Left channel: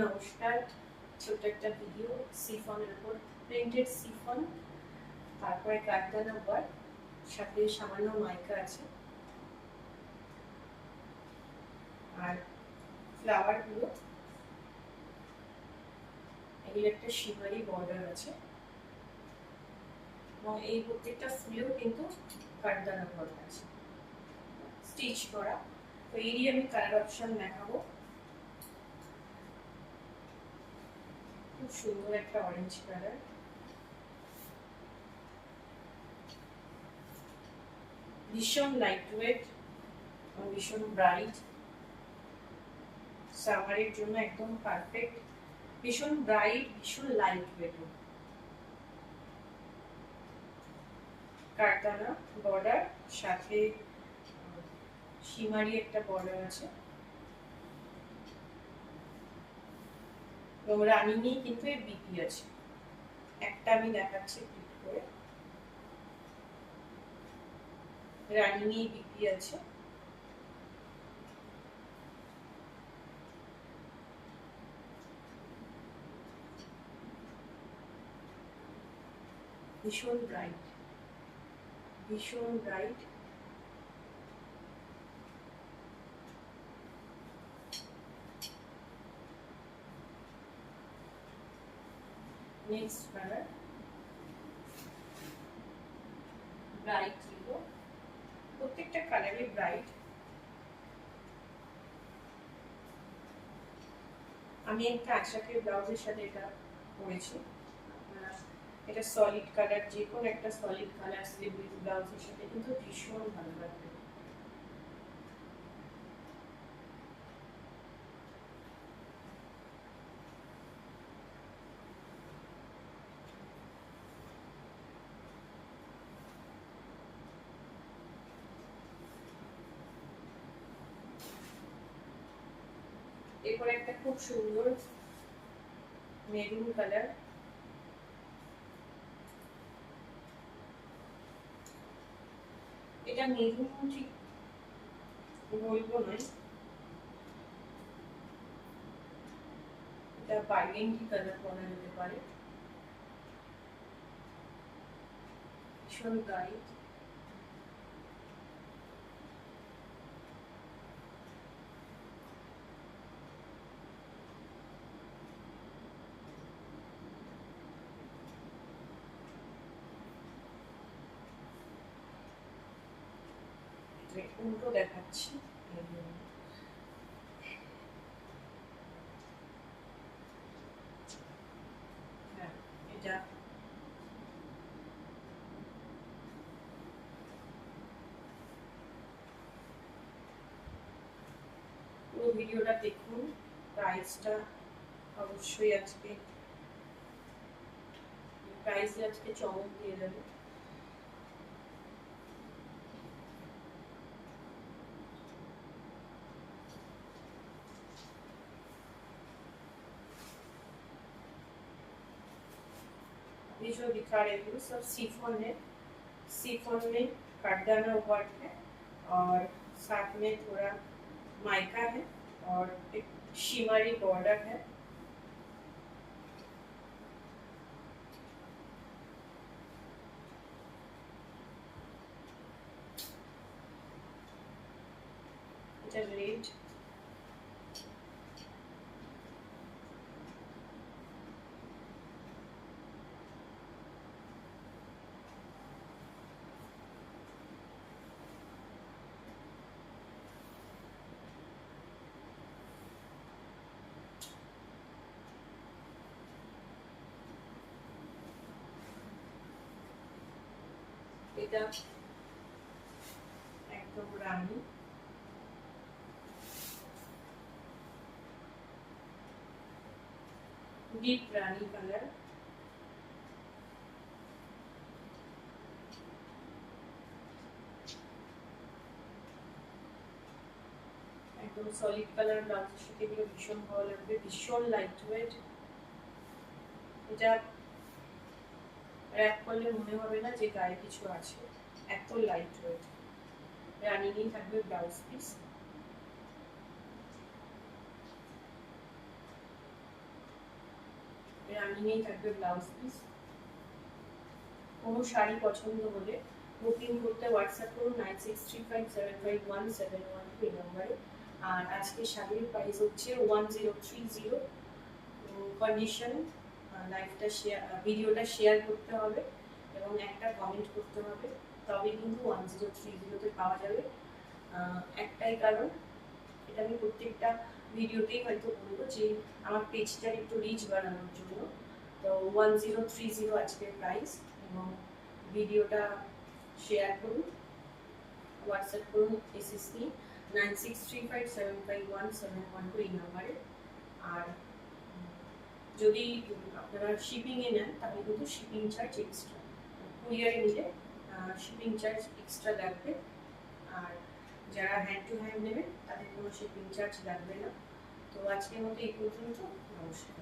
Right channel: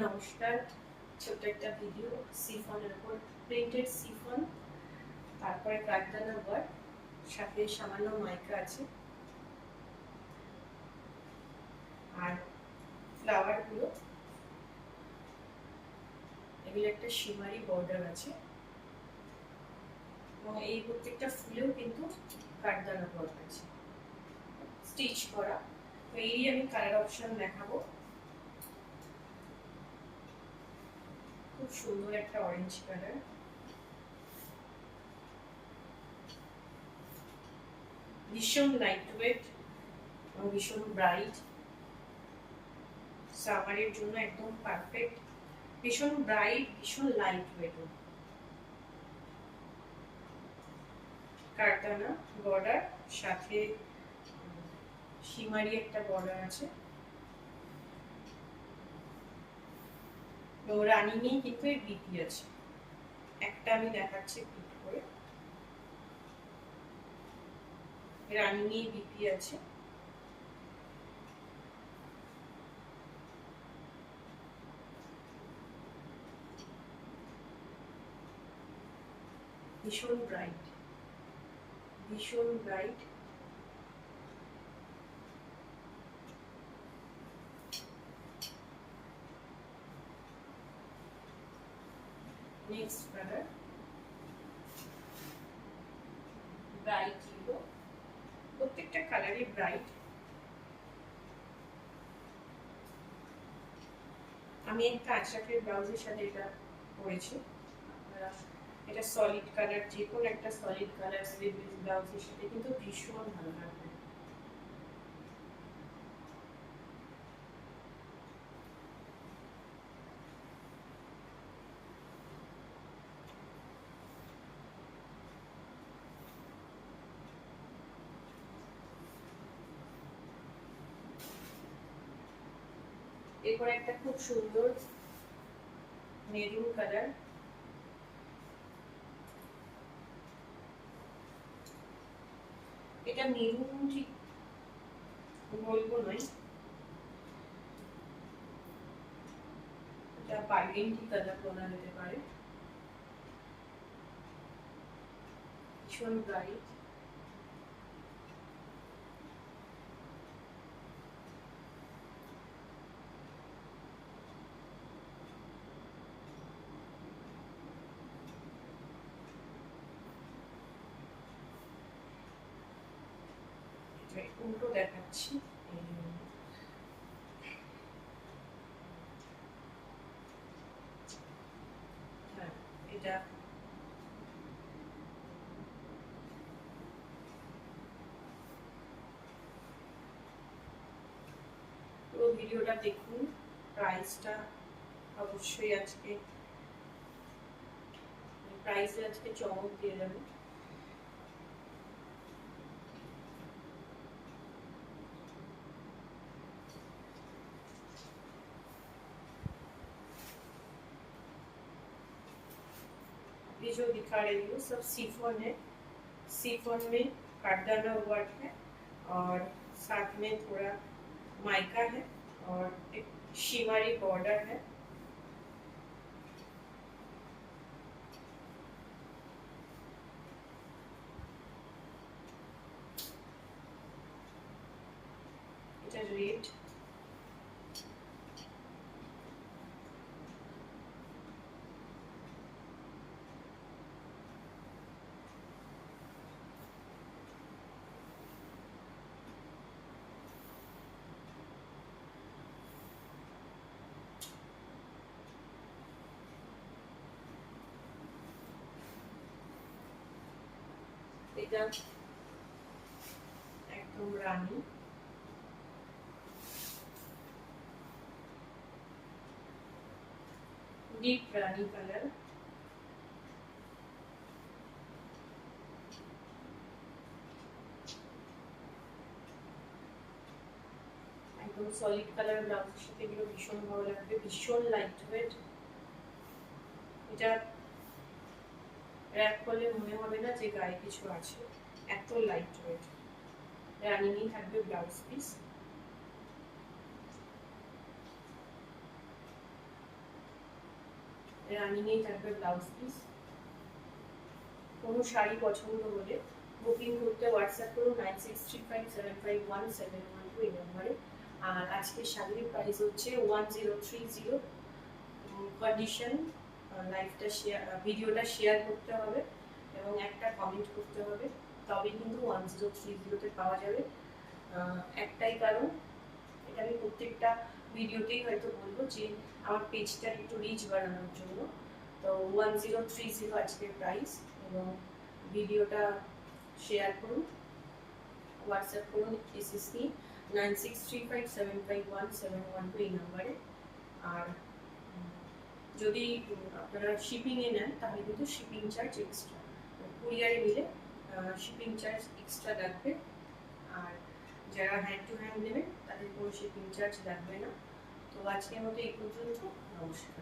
নমস্কার, ছোট্ট একটা ভিডিও সিফনের উপর, প্রিন্টেড সিফন, তারপরে কারদানা ওয়ার্ক, সাথে সামান্য মাইকা আছে আর ফ্লাওয়ার গুলো, এগুলো একটা শিমারি বর্ডার আছে এবং এই প্রত্যেকটা ফুলেও কিন্তু কারদানা ওয়ার্ক আছে স্টিচ করা। তো এরই আমি কালার অপশন দেখাবো। খুব সুন্দর একটা অরেঞ্জ কালার, ভীষণ লাইট ওয়েট এবং ভীষণ ব্রাইট, সামারের জন্য একদম পারফেক্ট। ভীষণ ব্রাইট, ভীষণ লাইট ওয়েট, কারদানা বর্ডার, সাথে শিমারি একটা বর্ডার আছে এবং রানী নিয়ে কিন্তু এর বিপি আছে। একটা আমি দেখাচ্ছি ক্লিক করে, রানী নিয়ে বিপি আছে। ভীষণ ব্রাইট, ভীষণ bright, next colour bright yellow, প্রত্যেকটা কালারই ব্রাইট। আমি একটা আশাকের ব্লাউজের সাথে এটা পরেছি, এটা সলিড কালার, যে কোনো একটা সলিড কালার স্লিভলেস ব্লাউজের সাথে কিন্তু ভীষণ ভালো লাগবে। এরপর একটা খুব সুন্দর মেরুন কালার, এটা মেরুন ঠিক বলবো নয়, এটা বার্গেন্ডি কালার বলা যেতে পারে, ভীষণ ব্রাইট। উল্টো দেখাচ্ছি, হ্যাঁ এটা পুরো ভিডিওটা দেখুন। প্রাইসটা অবশ্যই আজকে চমক দিয়ে যাবে। ये जो दिखा रही हूँ सब सीफोन है, सीफोन में काटदाना वर्क है और साथ में थोड़ा माइका है और एक शिमरी बॉर्डर है। এটা রেড, এটা একদম রানী, ডিপ রানী কালার, একদম সলিড কালার ব্লাউজের সাথে এগুলো ভীষণ ভালো লাগবে, ভীষণ লাইট ওয়েট। এটা র‍্যাপ করলে মনে হবে না যে গায়ে কিছু আছে, এত লাইট ওয়েট। রানিংই থাকবে ব্লাউজ পিস। রানিংয়েই থাকবে ব্লাউজ পিস। কোনো শাড়ি পছন্দ হলে বুকিং করতে হোয়াটসঅ্যাপ করুন 9635751712 এই নম্বরে। আর আজকে শাড়ির প্রাইস হচ্ছে 1030। কন্ডিশন লাইভটা শেয়ার, ভিডিওটা শেয়ার করতে হবে এবং একটা কমেন্ট করতে হবে, তবে কিন্তু 1030তে পাওয়া যাবে। একটাই কারণ, এটা আমি প্রত্যেকটা ভিডিওতেই হয়তো বলবো যে আমার পেজটার একটু রিচ বাড়ানোর জন্য। তো 1030 আজকের প্রাইস, এবং ভিডিওটা শেয়ার করুন, হোয়াটসঅ্যাপ করুন এসএসসি 9635751712 এই নাম্বারে। আর যদি আপনারা শিপিংয়ে নেন তাহলে কিন্তু শিপিং চার্জ এক্সট্রা, কুরিয়ারে নিলে শিপিং চার্জ এক্সট্রা লাগবে। আর যারা হ্যান্ড টু হ্যান্ড নেবেন তাদের কোনো শিপিং চার্জ লাগবে না। তো আজকের মতো এই পর্যন্ত, নমস্কার।